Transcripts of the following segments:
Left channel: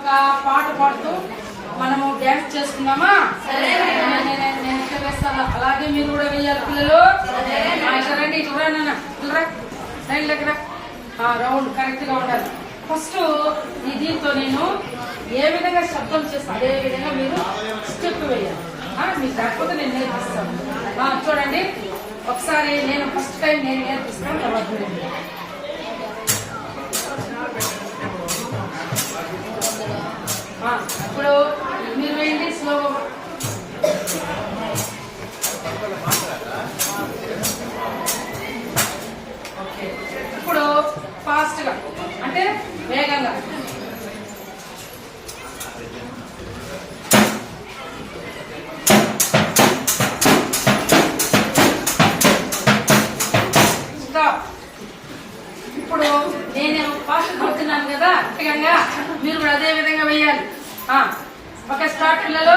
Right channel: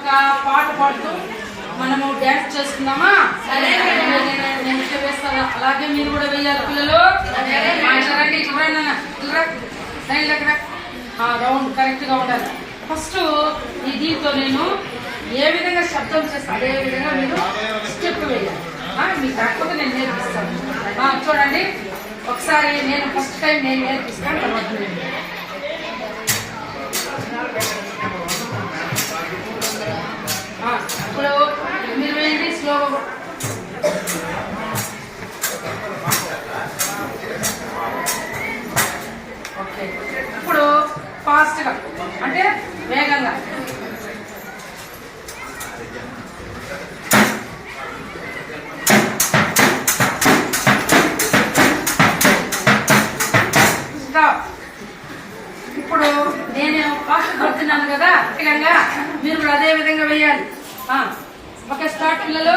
ఒక పాట పాడుతూ మనము డాన్స్ చేసుకుందామా? నేను ఇట్లా వేస్తాను, అలాగే మీరు కూడా వేయాలి పిల్లలు. రండి చూడండి, రౌండ్ కరెక్ట్ గా ఉండాలి. ఫస్ట్ ఈ దీంతో నేను ఏ విధంగా శబ్దం చేస్తాను అదే విధంగా మీరు స్టెప్ వేయాలి. మీకు కాకపోతే నేను నేర్పిస్తాను. చూడండి ఒకసారి నేను ఫస్ట్ టైం నేను నేర్పిస్తాను, తర్వాత ఇప్పుడు మీరు వేయండి స్లోగా. ఓకే, ఇప్పుడు ఫాస్ట్ గా అంటే వేగంగా. ఇప్పుడు నేను ఫాస్ట్ కొడుతున్నాను కదా, వేగంగా మీరు కూడా అదే విధంగా వేయాలి. ఓకే, స్టార్ట్ పిల్లలు.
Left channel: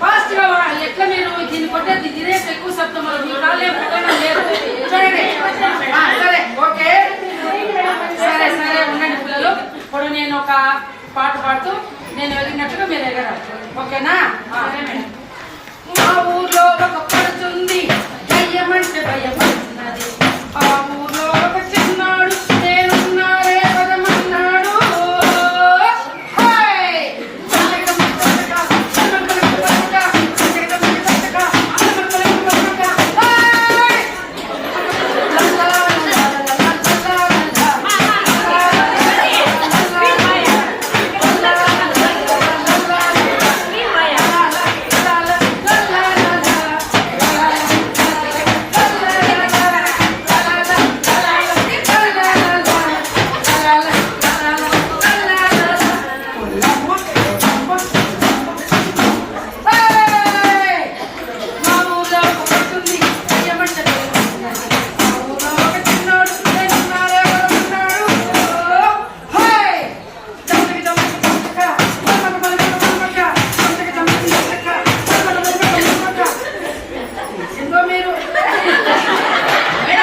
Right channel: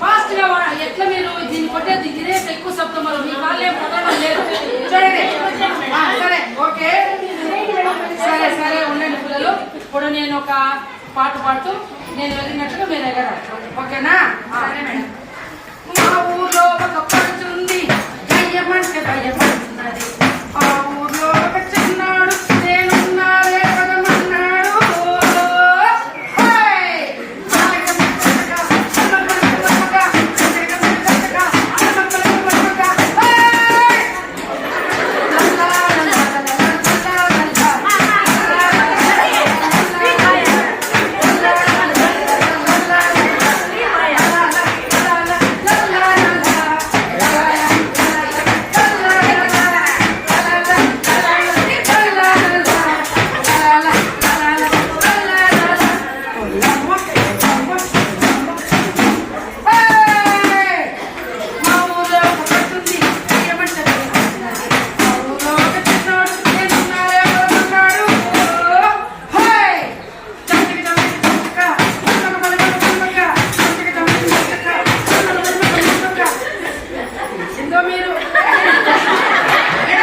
ఫాస్ట్ గా ఎట్లా మీరు దీన్ని కొట్టేది ఇదే ఎక్కువ శబ్దం వల్ల మీ కాలే ప్రధానం లేదు. చూడండి. సరే ఓకే, సరే సరే ఉండండి పిల్లలు. ఇప్పుడు నేను ఒక పాట పాడుతూ నేను ఎగిరినట్టుగా మీరు ఎగరాలి. ఓకేనా? మా ఊర్లో ఒక పడుతుంది, భయమంటే భయం.